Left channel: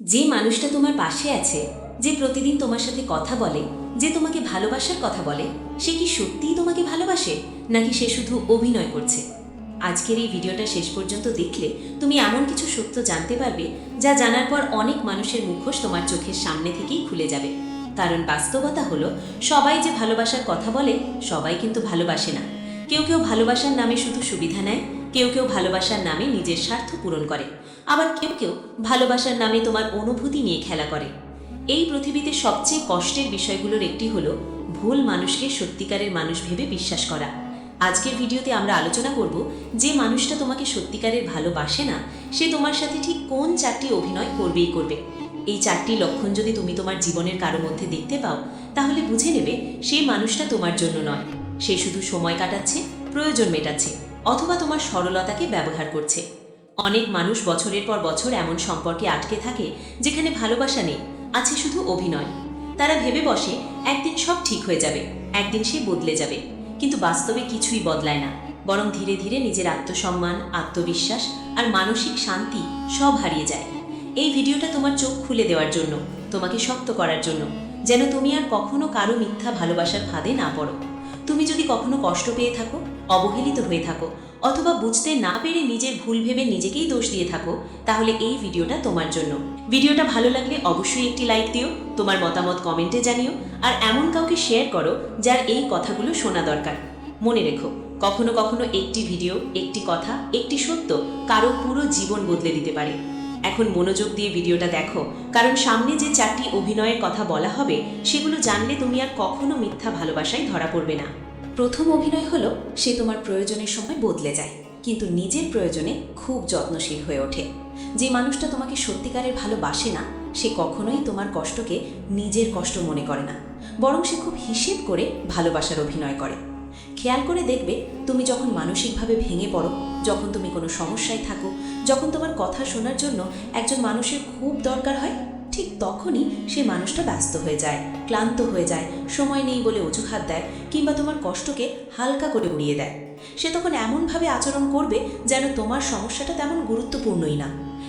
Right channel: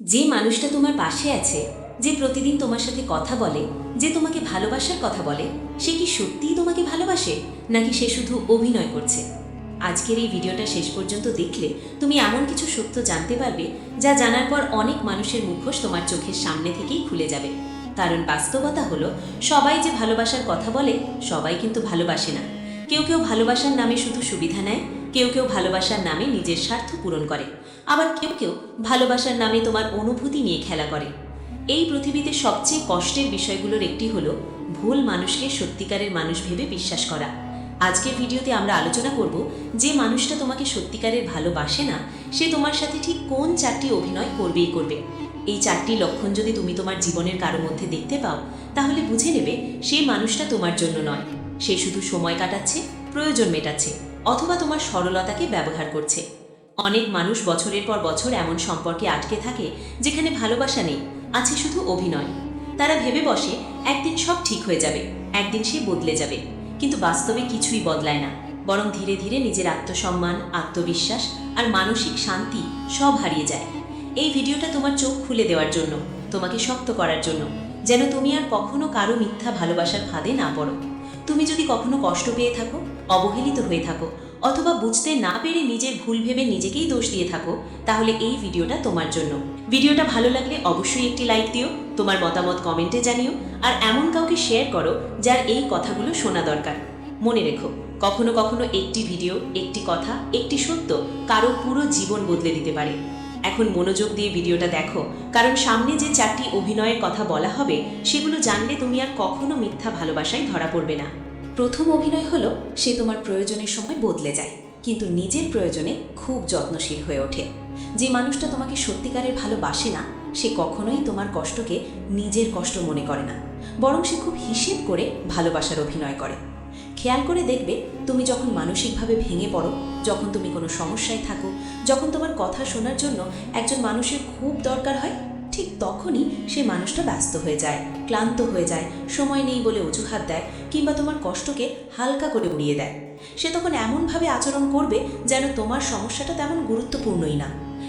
যে মানুষটা তোমার পাশে আছে, যে প্রতিদিন তোমার সাথে কথা বলে, যে তোমাকে ভালোবাসার কথা বলে, সে কি সত্যিই তোমাকে ভালোবাসে নাকি সে শুধু অভিনয় করছে? আজকের এই ভিডিওটা শেষ পর্যন্ত দেখলে তুমি এমন কিছু সত্য জানতে পারবে যা জানার পর অনেক মানুষের মুখোশ তোমার চোখের সামনে থেকেই খুলে যাবে। কারণ বাস্তবতা হলো, সবাই যে ভালোবাসার কথা বলে সবাই কিন্তু ভালোবাসে না। কেউ কেউ ভালোবাসার নামে শুধু সুবিধা নেয়, কেউ কেউ ভালোবাসার নামে নিজের স্বার্থ পূরণ করে, আবার কেউ কেউ ভালোবাসার নামে তোমার অনুভূতি নিয়ে খেলা করে। এই পৃথিবীতে সবচেয়ে কষ্টের বিষয়গুলোর একটি হলো ভুল মানুষকে সত্যিকারের মানুষ ভেবে বিশ্বাস করা। আজকের ভিডিওতে আমরা আলোচনা করব যে মানুষটা তোমাকে সত্যিকারের ভালোবাসে না, সে তোমার সাথে ঠিক কোন চারটি অভিনয় করবেই করবে। এই চারটি লক্ষণ যদি তুমি তোমার জীবনের কারো মধ্যে দেখতে পাও, তাহলে বুঝে নেবে সেই মানুষটা তোমার জন্য নয়। সে শুধু সময় কাটাচ্ছে, প্রয়োজন মেটাচ্ছে, অথবা তোমার সরলতাকে ব্যবহার করছে। অনেক মানুষ বছরের পর বছর এমন সম্পর্কে আটকে থাকে যেখানে ভালোবাসা নেই, আছে শুধু অভিনয়। তারা ভেবে বসে একদিন সব ঠিক হয়ে যাবে, একদিন সে বদলে যাবে, কিন্তু বাস্তবে কিছুই বদলায় না। বরং ধীরে ধীরে নিজের আত্মসম্মান, আত্মবিশ্বাস আর মানসিক শান্তি সব হারিয়ে যায়। এই ভিডিওটা তোমার চোখ খুলে দেওয়ার জন্য, তোমাকে শক্ত করার জন্য, যেন তুমি আর কখনো কারো মিথ্যা ভালোবাসার ফাঁদে না পড়ো। তুমি যদি কখনো কষ্ট পেয়ে থাকো, অবহেলিত হয়ে থাকো, অথবা বুঝতে না পেরে নিজের ভুল ভেবে নিজেকেই দোষ দিয়ে থাকো, তাহলে এই ভিডিওটা তোমার জন্য। ভিডিওটা ভালো লাগলে অবশ্যই একটি লাইক দিও, তোমার মতামত কমেন্টে জানিও, আর এমন কাউকে শেয়ার করো যার এই কথাগুলো শোনা দরকার। মনে রেখো, কখনো কখনো একটি ভিডিও, একটি কথা, একটি সত্য কারো পুরো জীবন বদলে দিতে পারে। এখন মনোযোগ দিয়ে ভিডিওটা দেখো, কারণ সামনে যে চারটি অভিনয়ের কথা বলা হবে সেগুলো জানলে তুমি আর কখনো মিথ্যা ভালোবাসায় ধরা পড়বে না। প্রথম অভিনয় হলো, সে তোমার প্রয়োজনের সময় বদলে যায়, কিন্তু নিজের প্রয়োজনে খুব যত্নশীল হয়ে ওঠে। যে মানুষটা তোমাকে সত্যিকারের ভালোবাসে না, সে কখনোই তোমার কষ্টকে নিজের কষ্ট মনে করে না, বরং সে খুব হিসেব করে ভালোবাসার অভিনয় করে। খেয়াল করে দেখবে, তুমি যখন মানসিকভাবে ভেঙে পড়ো, যখন তুমি কোনো সমস্যায় থাকো, যখন তোমার কথা শোনার জন্য একজন মানুষের খুব দরকার হয়, ঠিক তখনই সে মানুষটা ব্যস্ত হয়ে যায়, ক্লান্ত হয়ে যায়, সময় নেই বলে অজুহাত দেয়, কিংবা তোমার কষ্টকে হালকা করে উড়িয়ে দেয়। সে তখন এমনভাবে আচরণ করবে যেন তোমার সমস্যাটা তেমন গুরুত্বপূর্ণই না।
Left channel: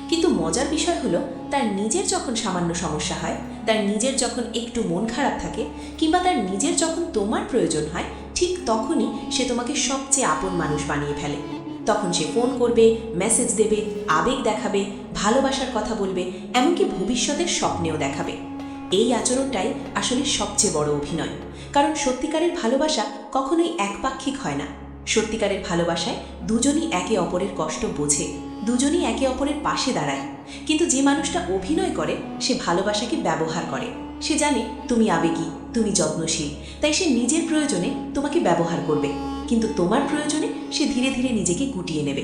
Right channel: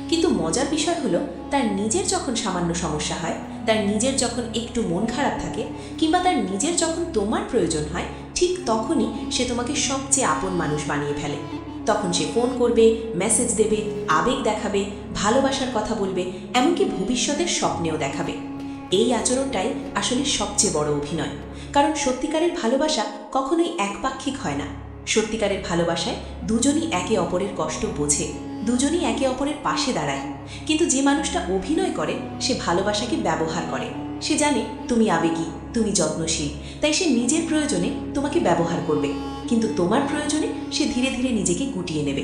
কিন্তু মজার বিষয় হলো, তার নিজের যখন সামান্য সমস্যা হয়, তার নিজের যখন একটু মন খারাপ থাকে, কিংবা তার নিজের যখন তোমার প্রয়োজন হয়, ঠিক তখনই সে তোমাকে সবচেয়ে আপন মানুষ বানিয়ে ফেলে। তখন সে ফোন করবে, মেসেজ দেবে, আবেগ দেখাবে, ভালোবাসার কথা বলবে, এমনকি ভবিষ্যতের স্বপ্নেও দেখাবে। এই আচরণটাই আসলে সবচেয়ে বড় অভিনয়। কারণ সত্যিকারের ভালোবাসা কখনোই একপাক্ষিক হয় না। সত্যিকারের ভালোবাসায় দুজনই একে অপরের কষ্ট বোঝে, দুজনই একে অপরের পাশে দাঁড়ায়। কিন্তু যে মানুষটা অভিনয় করে, সে ভালোবাসাকে ব্যবহার করে। সে জানে তুমি আবেগী, তুমি যত্নশীল, তাই সে নিজের প্রয়োজনে তোমাকে ব্যবহার করবে, কিন্তু তোমার প্রয়োজনে সে ধীরে ধীরে নিজেকে গুটিয়ে নেবে।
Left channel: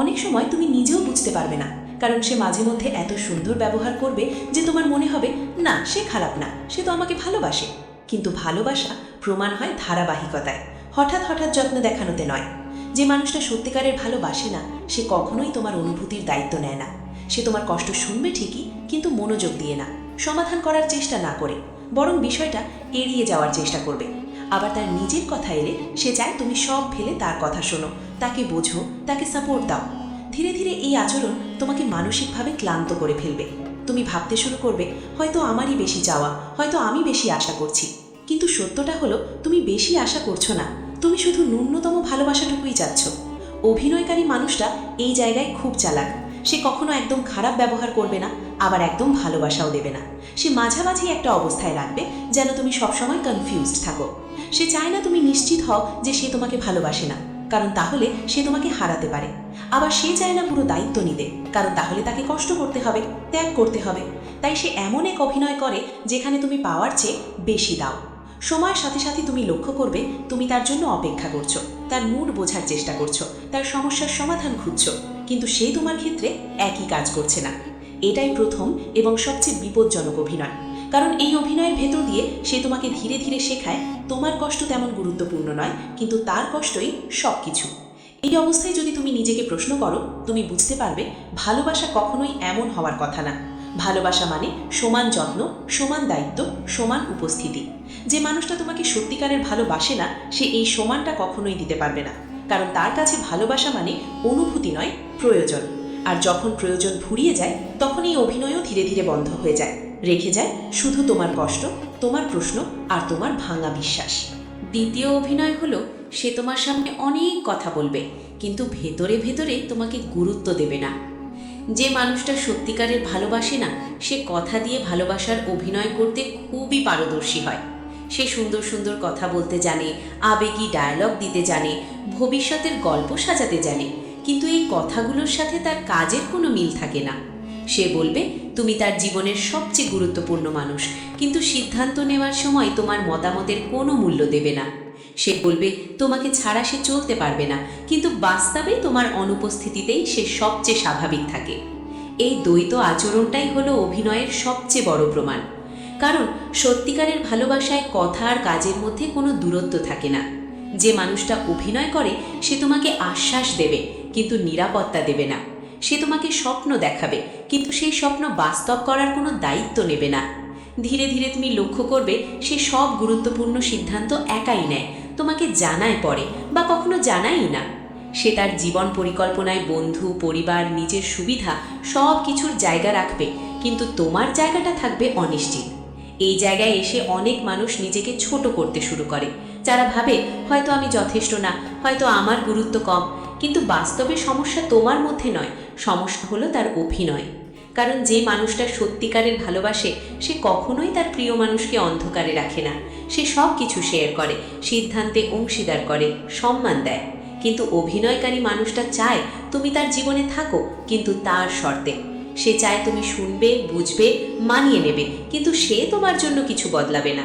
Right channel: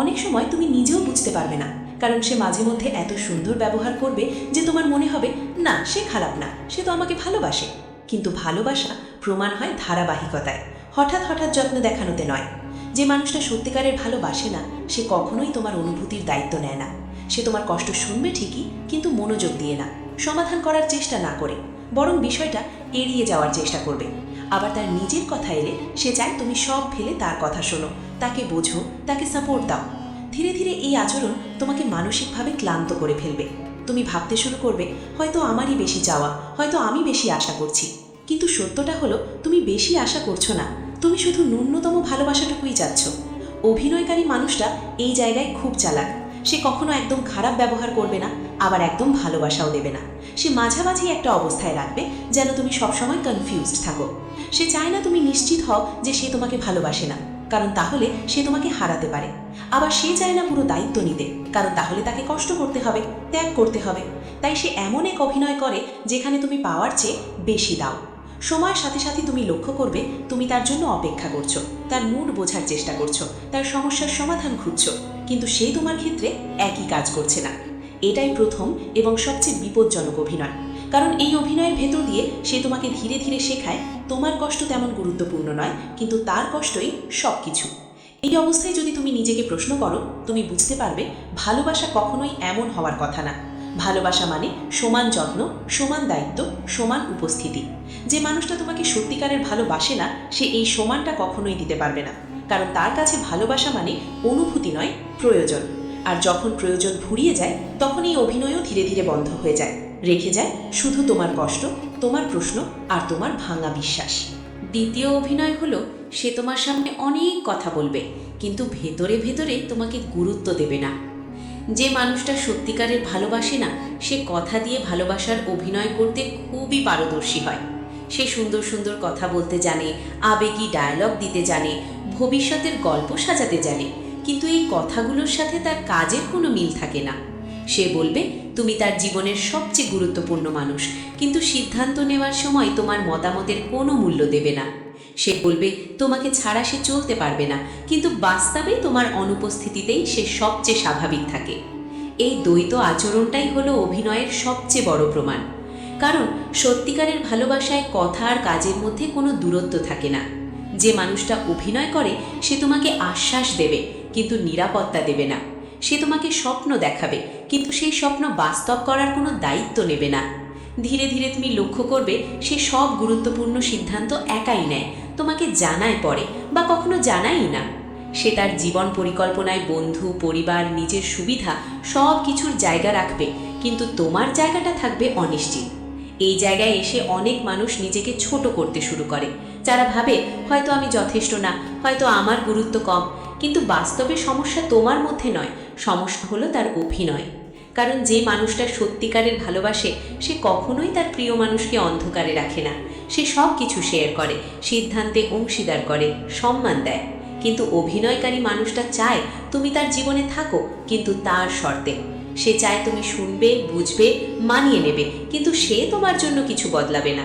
অনেক সময় তুমি নিজেও বুঝতে পারবে না, কারণ সে মাঝে মধ্যে এত সুন্দর ব্যবহার করবে যে তোমার মনে হবে না, সে খারাপ না, সে তো আমাকে ভালোবাসে। কিন্তু ভালোবাসা প্রমাণ হয় ধারাবাহিকতায়, হঠাৎ হঠাৎ যত্ন দেখানোতে নয়। যে মানুষটা সত্যিকারের ভালোবাসে না, সে কখনোই তোমার অনুভূতির দায়িত্ব নেয় না। সে তোমার কষ্ট শুনবে ঠিকই, কিন্তু মনোযোগ দিয়ে না, সমাধান করার চেষ্টা না করে, বরং বিষয়টা এড়িয়ে যাওয়ার চেষ্টা করবে। আবার তার নিজের কথা এলে সে চায় তুমি সব ফেলে তার কথা শোনো, তাকে বোঝো, তাকে সাপোর্ট দাও। ধীরে ধীরে এই আচরণ তোমাকে মানসিকভাবে ক্লান্ত করে ফেলবে। তুমি ভাবতে শুরু করবে, হয়তো আমারই বেশি চাওয়া, হয়তো আমি বেশি আশা করছি। কিন্তু সত্যটা হলো, তুমি বেশি আশা করছো না, তুমি শুধু ন্যূনতম ভালোবাসাটুকুই চাচ্ছ। অভিনয়কারী মানুষটা এই জায়গায় খুব চালাক। সে কখনো একদম খারাপ ব্যবহার করবে না, আবার একদম ভালোবাসাও দেবে না। সে মাঝামাঝি একটা অবস্থায় রাখবে, যেন তুমি সবসময় কনফিউজড থাকো। সে চায় না তুমি নিশ্চিত হও যে সে তোমাকে ভালোবাসে না, কারণ তাহলে সে তোমাকে হারাতে পারে। আবার সে চায় না পুরো দায়িত্ব নিতে, কারণ তাহলে তাকে কষ্ট করতে হবে, ত্যাগ করতে হবে। তাই সে এমন এক অভিনয় করে যেখানে তুমি পাওয়ার চেয়ে বেশি দাও। সময়ের সাথে সাথে তুমি লক্ষ্য করবে, তুমি তার জন্য অপেক্ষা করছো, তার মন বোঝার চেষ্টা করছো, তার সমস্যার সমাধান খুঁজছো, কিন্তু সে তোমার ক্ষেত্রে একই কাজ করছে না। এটাই প্রথম এবং সবচেয়ে বিপজ্জনক অভিনয়। কারণ এই অভিনয়ের ভেতর দিয়ে সে তোমাকে ধীরে ধীরে শেখায় তোমার কষ্ট তেমন গুরুত্বপূর্ণ নয়, কিন্তু তার কষ্টই সব কিছু। এই অবস্থায় যদি তুমি নিজেকে প্রশ্ন করো, তুমি বুঝতে পারবে ভালোবাসা কখনোই এমন হওয়ার কথা না। ভালোবাসা মানে সমান যত্ন, সমান দায়িত্ব, সমান উপস্থিতি। যে মানুষটা তোমাকে সত্যিকারের ভালোবাসে না, সে এই সমানটা কখনোই দিতে পারবে না। কারণ তার কাছে ভালোবাসা মানে অনুভূতি নয়, প্রয়োজন। আর যখন প্রয়োজন ফুরিয়ে যায় তখন এই অভিনয়ও ধীরে ধীরে বন্ধ হয়ে যায়। রেখে যায় শুধু তোমার কষ্ট, তোমার প্রশ্ন আর তোমার ভাঙা বিশ্বাস। দ্বিতীয় অভিনয় হলো সে তোমার সামনে অনেক কথা বলবে, কিন্তু ভিতরে ভিতরে তোমাকে গুরুত্ব দেবে না। যে মানুষটা সত্যিকারের ভালোবাসে না, সে কথা দিয়ে ভালোবাসার অভিনয় করতে খুবই পারদর্শী হয়। সে সুন্দর সুন্দর কথা বলতে জানে, আবেগী ডায়লগ দিতে জানে, ভবিষ্যতের গল্প সাজাতে জানে, কিন্তু এই কথাগুলোর সাথে তার কাজের কোনো মিল থাকে না। সে বলবে তুমি তার জীবনের সবচেয়ে গুরুত্বপূর্ণ মানুষ, কিন্তু সিদ্ধান্ত নেওয়ার সময় তোমার মতামতের কোনো মূল্য দেবে না। সে বলবে তোমাকে ছাড়া সে চলতে পারবে না, কিন্তু বাস্তবে তোমার অনুপস্থিতিতেই সে সবচেয়ে স্বাভাবিক থাকে। এই দ্বৈত আচরণটাই হলো অভিনয়ের সবচেয়ে বড় প্রমাণ। কারণ সত্যিকারের ভালোবাসায় কথা আর কাজের মধ্যে কোনো দূরত্ব থাকে না। যে মানুষটা অভিনয় করে সে তোমাকে আশ্বাস দেবে, কিন্তু নিরাপত্তা দেবে না। সে তোমাকে স্বপ্ন দেখাবে, কিন্তু সেই স্বপ্ন বাস্তব করার কোনো দায়িত্ব নেবে না। ধীরে ধীরে তুমি লক্ষ্য করবে সে সব গুরুত্বপূর্ণ সিদ্ধান্ত একাই নেয়, তোমাকে জানায় পরে বা কখনো জানাই না। সে তার জীবন পরিকল্পনায় বন্ধু, পরিবার, নিজের সুবিধা সব কিছুর জায়গা রাখবে, কিন্তু তোমার জায়গাটা থাকবে অনিশ্চিত। এই জায়গায় এসে অনেক মানুষ নিজেকে ছোট করতে শুরু করে। যারা ভাবে হয়তো আমি যথেষ্ট না, হয়তো আমার গুরুত্ব কম, কিন্তু বাস্তবে সমস্যা তোমার মধ্যে নয়, সমস্যা হলো তার অভিনয়। কারণ যে মানুষটা সত্যিকারের ভালোবাসে সে কখনোই তার প্রিয় মানুষকে অন্ধকারে রাখে না। সে সব কিছু শেয়ার করে, সিদ্ধান্তে অংশীদার করে, সম্মান দেয়। কিন্তু অভিনয়কারী মানুষটা চায় তুমি তার জীবনে থাকো, কিন্তু তার শর্তে। সে চায় তুমি শুনবে, বুঝবে, মানিয়ে নেবে, কিন্তু সে তোমার জন্য কিছু বদলাবে না।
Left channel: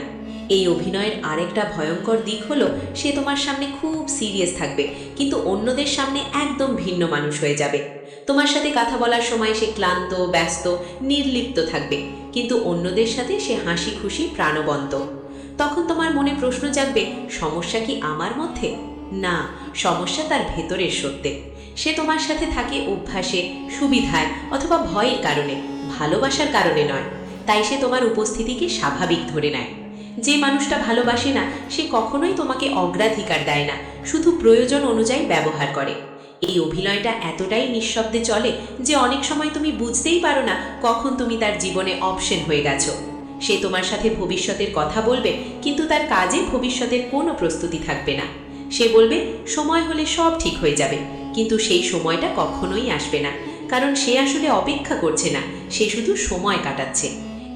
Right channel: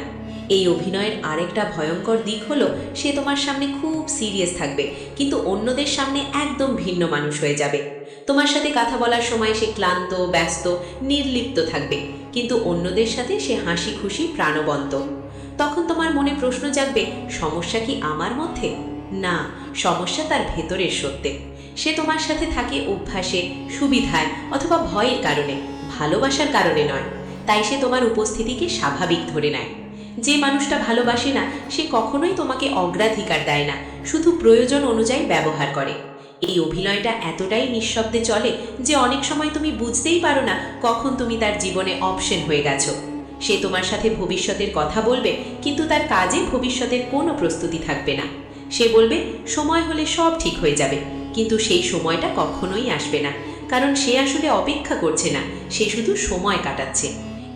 এই অভিনয়ের আরেকটা ভয়ঙ্কর দিক হলো সে তোমার সামনে খুব সিরিয়াস থাকবে, কিন্তু অন্যদের সামনে একদম ভিন্ন মানুষ হয়ে যাবে। তোমার সাথে কথা বলার সময় সে ক্লান্ত, ব্যস্ত, নির্লিপ্ত থাকবে, কিন্তু অন্যদের সাথে সে হাসি খুশি, প্রাণবন্ত। তখন তোমার মনে প্রশ্ন জাগবে, সমস্যা কি আমার মধ্যে? না, সমস্যা তার ভেতরের সত্যি। সে তোমার সাথে থাকে অভ্যাসে, সুবিধায় অথবা ভয়ের কারণে, ভালোবাসার কারণে নয়। তাই সে তোমার উপস্থিতিকে স্বাভাবিক ধরে নেয়। যে মানুষটা ভালোবাসে না সে কখনোই তোমাকে অগ্রাধিকার দেয় না, শুধু প্রয়োজন অনুযায়ী ব্যবহার করে। এই অভিনয়টা এতটাই নিঃশব্দে চলে যে অনেক সময় তুমি বুঝতেই পারো না কখন তুমি তার জীবনে অপশন হয়ে গেছো। সে তোমার সাথে ভবিষ্যতের কথা বলবে, কিন্তু তার কাজে ভবিষ্যতের কোনো প্রস্তুতি থাকবে না। সে বলবে সময় হলে সব ঠিক হয়ে যাবে, কিন্তু সেই সময়টা কখনোই আসবে না। কারণ সে আসলে অপেক্ষা করছে না, সে শুধু সময় কাটাচ্ছে।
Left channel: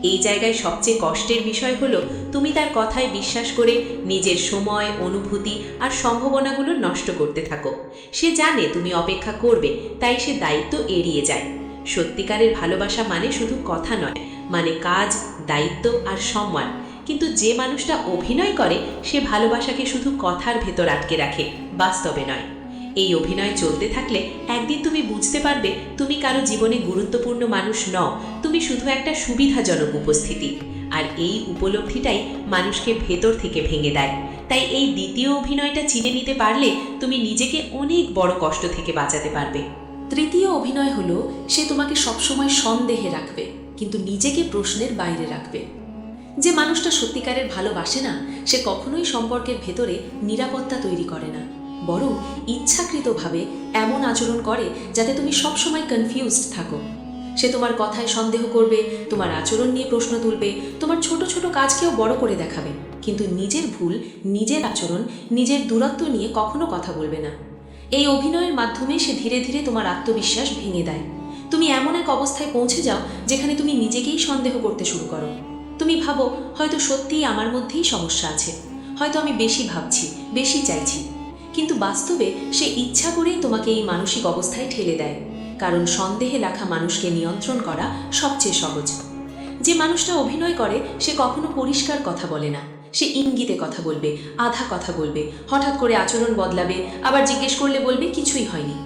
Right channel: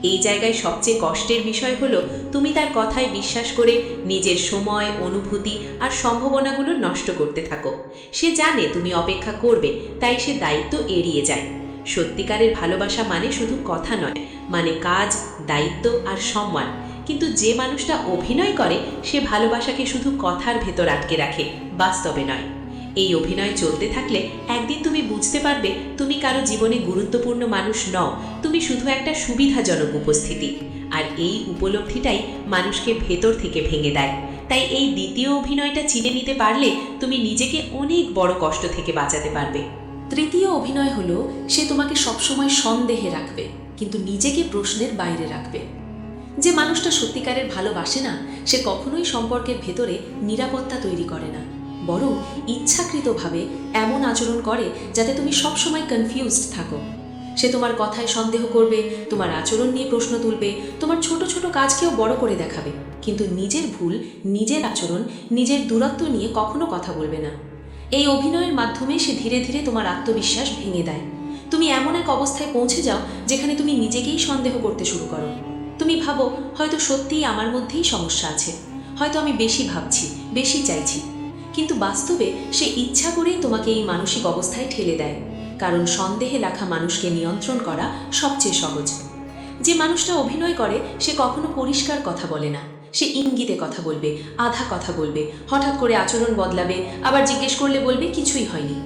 এই জায়গায় সবচেয়ে কষ্টের বিষয় হলো তুমি তার কথায় বিশ্বাস করে নিজের সময়, অনুভূতি আর সম্ভাবনাগুলো নষ্ট করতে থাকো। সে জানে তুমি অপেক্ষা করবে, তাই সে দায়িত্ব এড়িয়ে যায়। সত্যিকারের ভালোবাসা মানে শুধু কথা নয়, মানে কাজ, দায়িত্ব আর সম্মান। কিন্তু যে মানুষটা অভিনয় করে সে ভালোবাসাকে শুধু কথার ভেতর আটকে রাখে, বাস্তবে নয়। এই অভিনয় চলতে থাকলে একদিন তুমি বুঝতে পারবে তুমি কারো জীবনে গুরুত্বপূর্ণ মানুষ নও, তুমি শুধু একটা সুবিধাজনক উপস্থিতি। আর এই উপলব্ধিটাই মানুষকে ভেতর থেকে ভেঙে দেয়। তাই এই দ্বিতীয় অভিনয়টা চিনে নিতে পারলে তুমি নিজেকে অনেক বড় কষ্ট থেকে বাঁচাতে পারবে। তৃতীয় অভিনয় হলো সে তোমাকে সবসময় সন্দেহে রাখবে, কিন্তু নিজেকে প্রশ্নের বাইরে রাখবে। যে মানুষটা সত্যিকারের ভালোবাসে না সে কখনোই সম্পর্কের ভেতরে নিরাপত্তা তৈরি করে না, বরং ইচ্ছাকৃতভাবে এমন আচরণ করে যাতে তুমি সবসময় কনফিউজড থাকো। সে তোমার কথায় সন্দেহ করবে, তোমার আচরণ নিয়ে প্রশ্ন তুলবে, তোমার ছোট ছোট কাজকেও বড় করে দেখাবে, কিন্তু নিজের ভুল, নিজের আচরণ, নিজের দূরত্ব নিয়ে কখনো কথা বলবে না। এই অভিনয়ের মাধ্যমে সে ধীরে ধীরে তোমার আত্মবিশ্বাস ভেঙে দেয়। তুমি এমন এক অবস্থায় পৌঁছে যাও যেখানে তুমি নিজেকেই সন্দেহ করতে শুরু করো। তুমি ভাবো হয়তো সত্যিই আমার মধ্যেই সমস্যা আছে, হয়তো আমি বেশি ভাবছি, বেশি চাইছি। কিন্তু বাস্তবে সে ইচ্ছা করেই তোমাকে এই মানসিক অবস্থায় ঠেলে দেয়, কারণ সন্দেহে রাখা মানুষকে নিয়ন্ত্রণ করা সবচেয়ে সহজ। যে মানুষটা অভিনয় করে সে কখনো পরিষ্কার কথা বলে না, সে ইঙ্গিতে কথা বলবে, আধা কথা বলবে, হঠাৎ করে আচরণ বদলাবে, আবার জিজ্ঞেস করলে বলবে কিছুই হয়নি।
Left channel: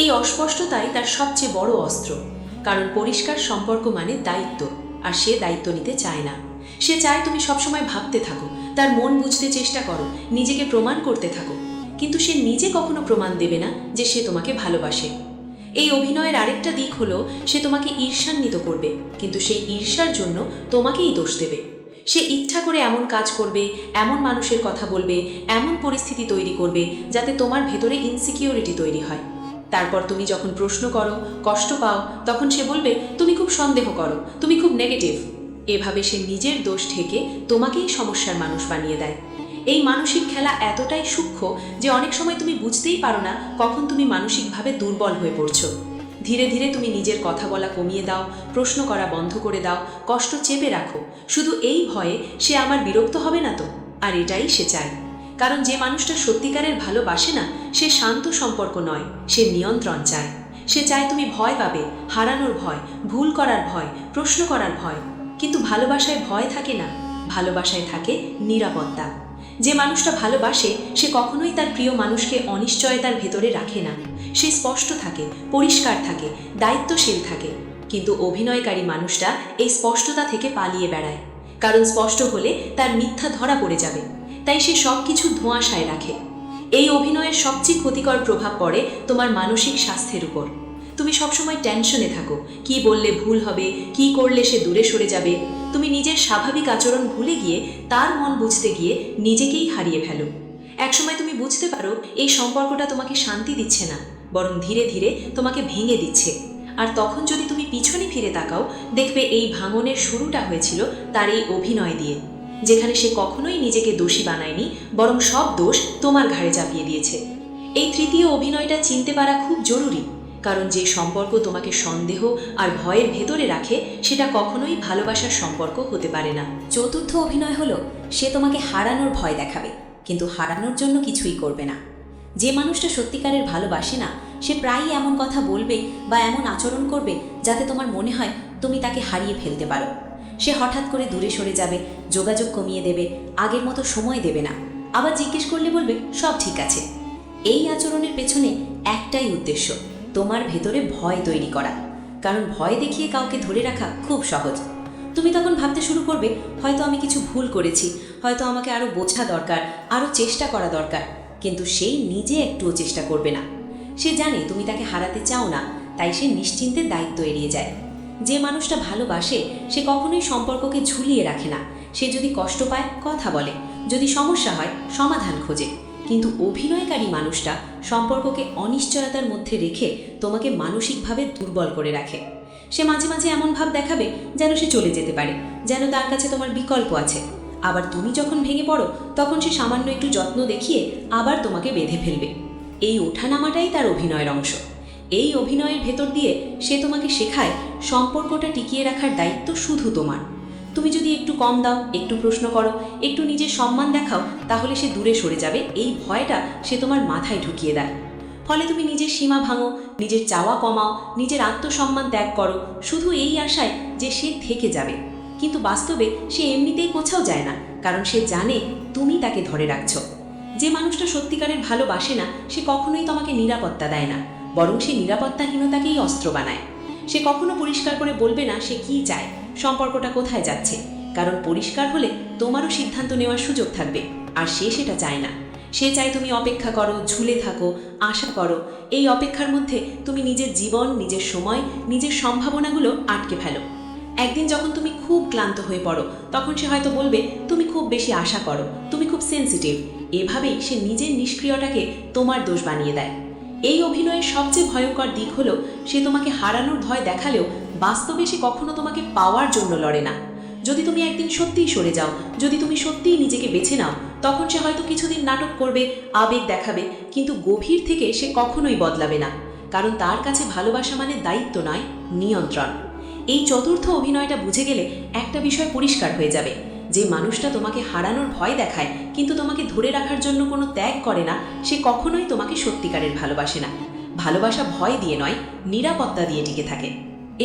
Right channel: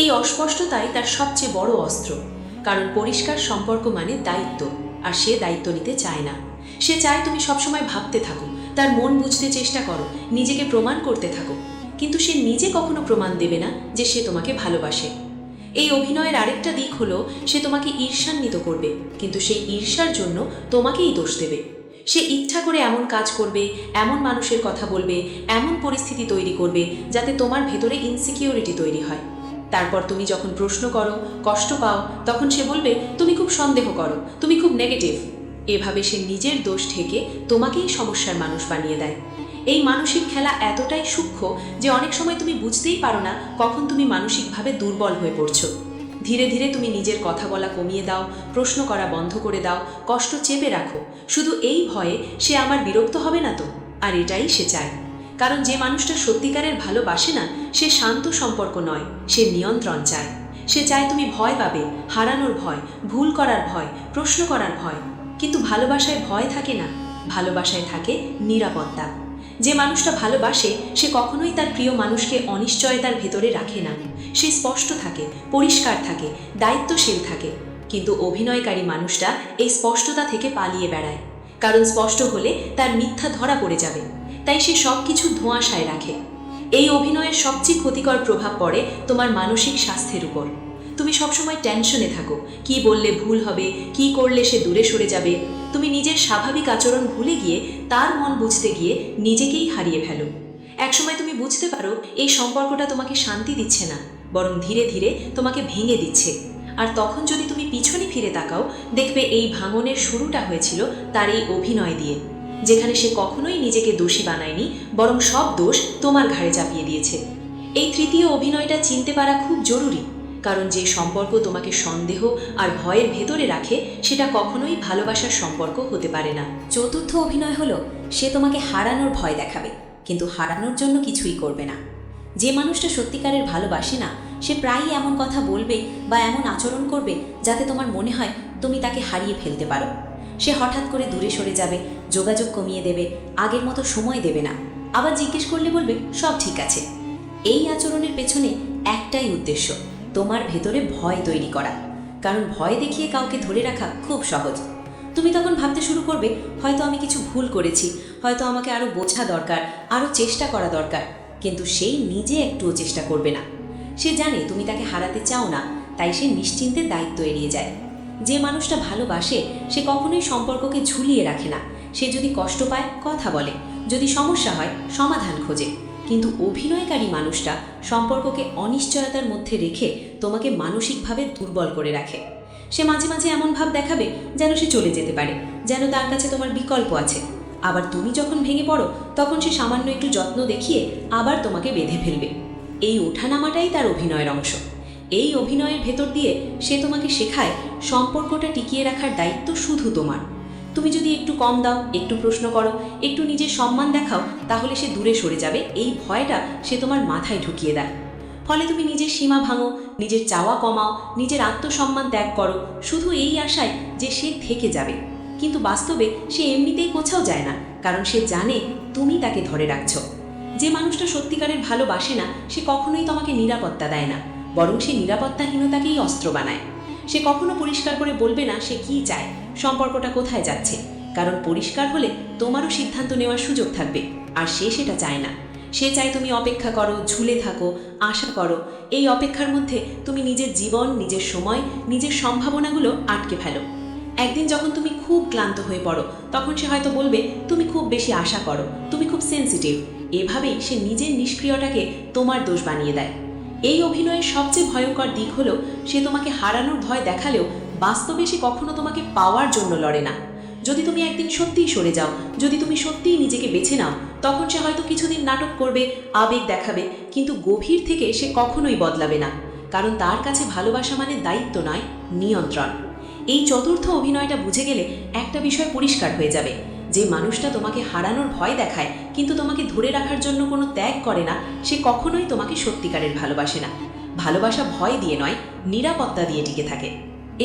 এই অস্পষ্টতাই তার সবচেয়ে বড় অস্ত্র, কারণ পরিষ্কার সম্পর্ক মানে দায়িত্ব, আর সে দায়িত্ব নিতে চায় না। সে চায় তুমি সবসময় ভাবতে থাকো, তার মন বুঝতে চেষ্টা করো, নিজেকে প্রমাণ করতে থাকো, কিন্তু সে নিজে কখনো প্রমাণ দেবে না যে সে তোমাকে ভালোবাসে। এই অভিনয়ের আরেকটা দিক হলো সে তোমাকে ঈর্ষান্বিত করবে, কিন্তু সেই ঈর্ষার জন্য তোমাকেই দোষ দেবে। সে ইচ্ছা করে এমন কাজ করবে, এমন মানুষের কথা বলবে, এমন পরিস্থিতি তৈরি করবে যাতে তোমার ভেতরে ইনসিকিউরিটি তৈরি হয়। তারপর তুমি যখন প্রশ্ন করো, কষ্ট পাও, তখন সে বলবে তুমি খুব সন্দেহ করো, তুমি খুব নেগেটিভ। এভাবে সে নিজের দোষ থেকে তোমাকেই সমস্যার মানুষ বানিয়ে দেয়। এই মানসিক খেলা এতটাই সূক্ষ্ম যে অনেক সময় তুমি বুঝতেই পারো না কখন তুমি মানসিকভাবে দুর্বল হয়ে পড়ছো। ধীরে ধীরে তুমি নিজের কথা বলা কমিয়ে দাও, প্রশ্ন করা বন্ধ করে দাও, কষ্ট চেপে রাখো, শুধু এই ভয়ে সে আবার বিরক্ত হবে না তো। আর এটাই সে চায়। কারণ যে মানুষটা সত্যিকারের ভালোবাসে না, সে শান্ত সম্পর্ক নয়, সে নিয়ন্ত্রণ চায়। সে চায় তুমি ভয় পাবে, হারানোর ভয়, ভুল করার ভয়, প্রশ্ন করার ভয়। কিন্তু ভালোবাসায় ভয় থাকে না, ভালোবাসায় থাকে নিরাপত্তা। যে মানুষটা ভালোবাসে সে কখনোই তার প্রিয় মানুষকে অনিশ্চয়তার ভেতরে রাখে না। সে স্পষ্ট থাকে, পরিষ্কার থাকে, দায়িত্বশীল থাকে। কিন্তু অভিনয়কারী মানুষটা এই স্পষ্টতা থেকে পালিয়ে বেড়ায়। কারণ স্পষ্ট হলে তার মিথ্যা ধরা পড়ে যাবে, তাই সে সবকিছু ধোঁয়াশায় রাখে। এই অভিনয়ের সবচেয়ে ক্ষতিকর প্রভাব পড়ে তোমার মানসিক স্বাস্থ্যের উপর। তুমি সবসময় টেনশনে থাকো, কি বললে ভুল হবে, কি করলে সে দূরে সরে যাবে। তুমি নিজের স্বাভাবিক আচরণ ভুলে গিয়ে তার মন বুঝতে গিয়ে নিজেকেই হারিয়ে ফেলো। একসময় তুমি বুঝতে পারো এই সম্পর্কটা তোমাকে শান্তি দিচ্ছে না, বরং ধীরে ধীরে তোমাকে ভেঙে দিচ্ছে। আর তখন যদি তুমি পিছনে ফিরে তাকাও, দেখবে এই ভাঙনের শুরুটা হয়েছিল তার এই অভিনয় দিয়ে, যেখানে সে কখনোই নিজেকে দোষী বানায়নি, বরং সব দোষ তোমার ঘাড়ে চাপিয়ে দিয়েছে। এই তৃতীয় অভিনয়টা চিনতে পারা খুব জরুরি, কারণ যে সম্পর্ক তোমাকে সন্দেহ আর ভয়ের ভেতরে রাখে সেটা কখনোই ভালোবাসার সম্পর্ক হতে পারে না। চতুর্থ অভিনয় হলো সে তোমাকে হারানোর ভয় দেখাবে, কিন্তু হারানোর জন্য কিছুই করবে না। যে মানুষটা সত্যিকারের ভালোবাসে না, সে প্রায়ই এমন কথা বলবে বা এমন আচরণ করবে যাতে তোমার মনে হয় তুমি তাকে হারিয়ে ফেলতে পারো। সে হঠাৎ করে দূরে সরে যাবে, যোগাযোগ কমিয়ে দেবে, আগের মতো সময় দেবে না। আবার জিজ্ঞেস করলে বলবে সব ঠিক আছে। এই আচরণের পেছনে একটাই উদ্দেশ্য, তোমার ভেতরে ভয় তৈরি করা। কারণ ভয় দেখিয়ে কাউকে ধরে রাখা খুব সহজ। তুমি তখন ভাবতে শুরু করবে, হয়তো আমি কিছু ভুল করেছি, হয়তো আমাকে আরো বোঝা দরকার, আরো চেষ্টা করা দরকার। কিন্তু সেই নিজে একটুও চেষ্টা করবে না। সে জানে তুমি তাকে হারাতে চাও না, তাই সে নিশ্চিন্তে দায়িত্ব এড়িয়ে যায়। যে মানুষটা ভালোবাসে সে কখনোই সম্পর্ককে ঝুলিয়ে রাখে না। সে যদি কষ্ট পায় কথা বলে, যদি সমস্যা হয় সমাধান খোঁজে। কিন্তু অভিনয়কারী মানুষটা সম্পর্ককে অনিশ্চয়তার মধ্যে রেখে তোমাকে মানসিকভাবে দুর্বল করে রাখে। সে মাঝে মাঝে এমন ভাব দেখাবে যেন সে চলে যেতে পারে, যেন তার কাছে তোমার বিকল্প আছে। আবার তুমি যখন ভেঙে পড়ো তখন সে সামান্য একটু যত্ন দেখিয়ে আবার তোমাকে বেঁধে ফেলবে। এই ওঠানামাটাই তার অভিনয়ের অংশ। এই অভিনয়ের ভেতর দিয়ে সে তোমাকে শেখায় সম্পর্কটা টিকিয়ে রাখার দায়িত্ব শুধু তোমার। তুমি যদি একটু কম দাও, একটু প্রশ্ন করো, একটু নিজের সম্মান দেখাও, তাহলে সে দূরে সরে যাবে। এই ভয়টা সে তোমার মাথায় ঢুকিয়ে দেয়। ফলে তুমি নিজের সীমা ভাঙো, নিজের চাওয়া কমাও, নিজের আত্মসম্মান ত্যাগ করো, শুধু এই আশায় যে সে থেকে যাবে। কিন্তু বাস্তবে সে এমনিতেই কোথাও যায় না, কারণ সে জানে তুমি তাকে ধরে রাখছো। যে মানুষটা সত্যিকারের ভালোবাসে না সে কখনোই তোমাকে নিরাপত্তা দেয় না, বরং সে নিরাপত্তাহীনতাকেই অস্ত্র বানায়। সে কখনো পরিষ্কার করে বলবে না সে কি চায়, সম্পর্কটা কোথায় যাচ্ছে। কারণ পরিষ্কার হলে তোমারও সিদ্ধান্ত নেওয়ার সুযোগ থাকবে, আর সে সেটা চায় না। সে চায় তুমি অপেক্ষা করো, ঝুলে থাকো, আশা করো। এই অপেক্ষার মধ্যে তুমি নিজের জীবন, নিজের সময়, নিজের সম্ভাবনাগুলো আটকে ফেলো। একদিন যখন তুমি খুব ক্লান্ত হয়ে পড়ো তখন সে হয়তো বলবে তুমি খুব বেশি আশা করো, তুমি খুব সেন্সিটিভ। এভাবেই সে নিজের নিষ্ক্রিয়তাকে তোমার দোষ বানিয়ে দেয়। এই অভিনয়ের সবচেয়ে ভয়ঙ্কর দিক হলো সে তোমাকে হারানোর ভয় দেখালেও বাস্তবে সে কখনো তোমাকে পাওয়ার জন্য লড়ে না। যদি তুমি একদিন সত্যিই সরে যাও, যদি তুমি সত্যিই নিজেকে বেছে নাও, তখন সে হয়তো কিছুদিন নাটক করবে, আবেগ দেখাবে, কিন্তু গভীর থেকে সে কখনোই বদলাবে না। কারণ তার কাছে ভালোবাসা মানে দায়িত্ব নয়, নিয়ন্ত্রণ। এই চতুর্থ অভিনয়টা বুঝে গেলে একটা বিষয় পরিষ্কার হয়ে যাবে, যে মানুষটা তোমাকে হারানোর ভয় দেখায় কিন্তু তোমাকে ধরে রাখার জন্য কোনো ত্যাগ করে না, সে কখনোই তোমাকে সত্যিকারের ভালোবাসে না। ভালোবাসা ভয় দিয়ে নয়, নিরাপত্তা দিয়ে টিকে থাকে।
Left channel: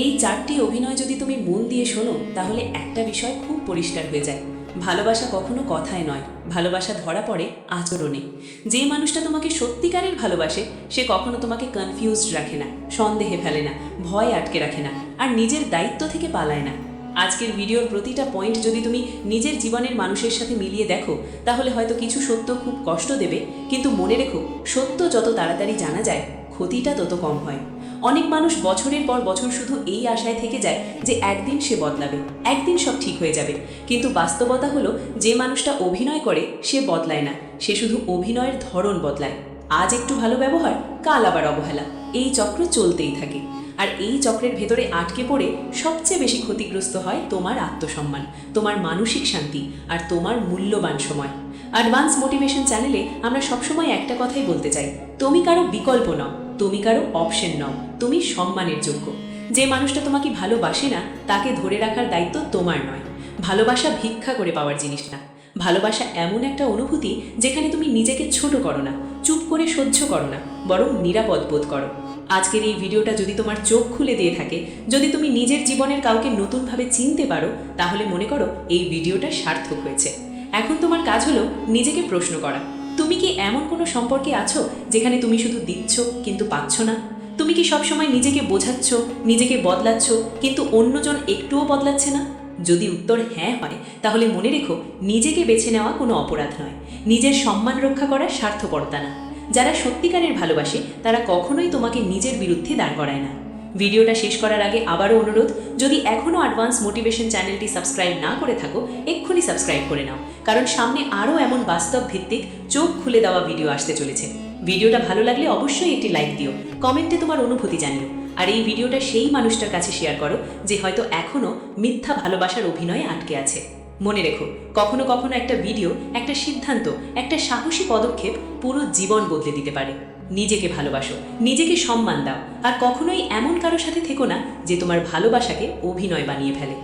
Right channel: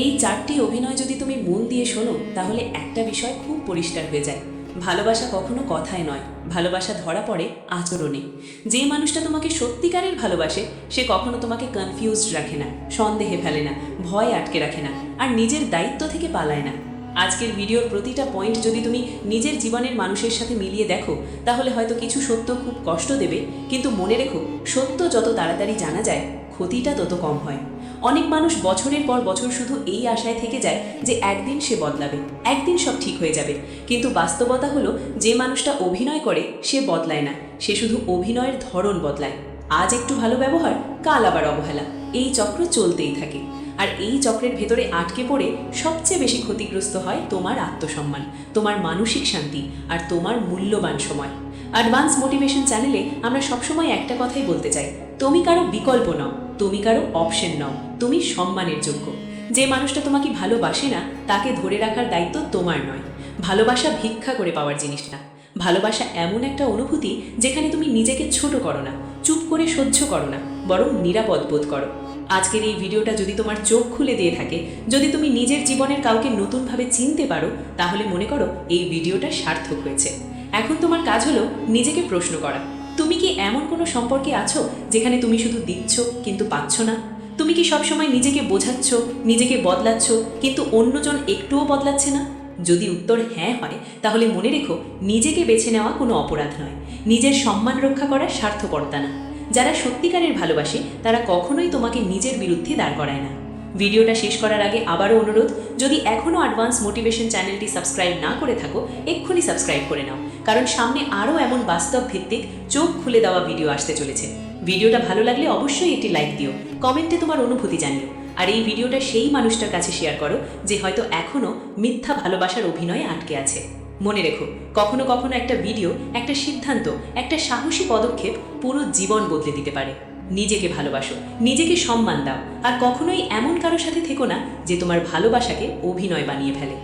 এই চারটি অভিনয় যদি তুমি মন দিয়ে শোনো তাহলে একটা বিষয় খুব পরিষ্কার হয়ে যায়, ভালোবাসা কখনো কথায় নয়, ভালোবাসা ধরা পড়ে আচরণে। যে মানুষটা তোমাকে সত্যিকারের ভালোবাসে সে কখনো তোমাকে কনফিউজড রাখে না, সন্দেহে ফেলে না, ভয় আটকে রাখে না, আর নিজের দায়িত্ব থেকে পালায় না। আজকের ভিডিওর প্রতিটা পয়েন্ট যদি তুমি নিজের জীবনের মানুষের সাথে মিলিয়ে দেখো তাহলে হয়তো কিছু সত্য খুব কষ্ট দেবে, কিন্তু মনে রেখো সত্য যত তাড়াতাড়ি জানা যায় ক্ষতিটা তত কম হয়। অনেক মানুষ বছরের পর বছর শুধু এই আশায় থেকে যায় যে একদিন সে বদলাবে, একদিন সব ঠিক হয়ে যাবে। কিন্তু বাস্তবতা হলো যে মানুষটা অভিনয় করে সে বদলায় না, সে শুধু অভিনয়ের ধরন বদলায়। আজ একটু ভালো ব্যবহার, কাল আবার অবহেলা। এই চক্র চলতেই থাকে। আর এই চক্রের ভেতরে আটকে পড়ে সবচেয়ে বেশি ক্ষতিগ্রস্ত হয় তোমার আত্মসম্মান, তোমার মানসিক শান্তি আর তোমার মূল্যবান সময়। অ্যাডভান্স মোটিভেশন চ্যানেলে আমরা সবসময় একটা কথাই বলতে চাই, তুমি কারো বিকল্প নও, তুমি কারো অপশন নও, তুমি সম্মানের যোগ্য। যে মানুষটা তোমাকে ভালোবাসে না তাকে ধরে রাখার দায়িত্ব তোমার নয়। ভালোবাসা ভিক্ষা করে পাওয়ার জিনিসটা। ভালোবাসা এমন একটা অনুভূতি যেখানে তুমি নিজেকে ছোট করো না, চুপ করে সহ্য করো না, বরং নিরাপদ বোধ করো। আজকের এই ভিডিওটা যদি তোমার চোখ খুলে দিয়ে থাকে, যদি তুমি নিজের জীবনের কাউকে নতুনভাবে চিনতে পারো, তাহলে মনে করো এই ভিডিওটা সার্থক হয়েছে। এখন তোমার কাজ হলো নিজেকে প্রশ্ন করা, তুমি কি এমন কোনো সম্পর্কে আছো যেখানে তুমি শুধু দিচ্ছ কিন্তু পাচ্ছ না? তুমি কি সবসময় নিজেকে বোঝাচ্ছ, নিজেকে বদলাচ্ছ, কিন্তু অন্যজন একটুও বদলাচ্ছে না? যদি উত্তর হ্যাঁ হয়, তাহলে মনে রেখো, নিজেকে বেছে নেওয়া কোনো অপরাধ নয়, নিজের সম্মান রক্ষা করার স্বার্থপরতা না। যারা সত্যিকারের ভালোবাসে তারা কখনোই তোমাকে নিজের বিরুদ্ধে দাঁড় করায় না। ভিডিওটা শেষ করার আগে আবারও অনুরোধ, যদি এখনও অ্যাডভান্স মোটিভেশন চ্যানেলটি সাবস্ক্রাইব না করে থাকো, এক্ষুনি সাবস্ক্রাইব করে নাও, কারণ সামনে আরও এমন বাস্তব ভিত্তিক চোখ খুলে দেওয়া ভিডিও আসতে চলেছে। ভিডিওটা ভালো লাগলে অবশ্যই একটি লাইক দিও, কমেন্টে তোমার অনুভূতি জানিও, আর এই ভিডিওটা সেই মানুষটার কাছে শেয়ার করো যে হয়তো এখনও মিথ্যা ভালোবাসার অভিনয়ে আটকে আছে। মনে রেখো, কখনো কখনো একটা ভিডিও, একটা সিদ্ধান্ত, একটা সাহসী পদক্ষেপ পুরো জীবন বদলে দিতে পারে। নিজেকে ভালোবাসো, নিজেকে সম্মান দাও, আর কখনোই এমন কারোর সাথে থেকো না যে তোমার ভালোবাসাকে অভিনয় বানিয়ে ফেলে।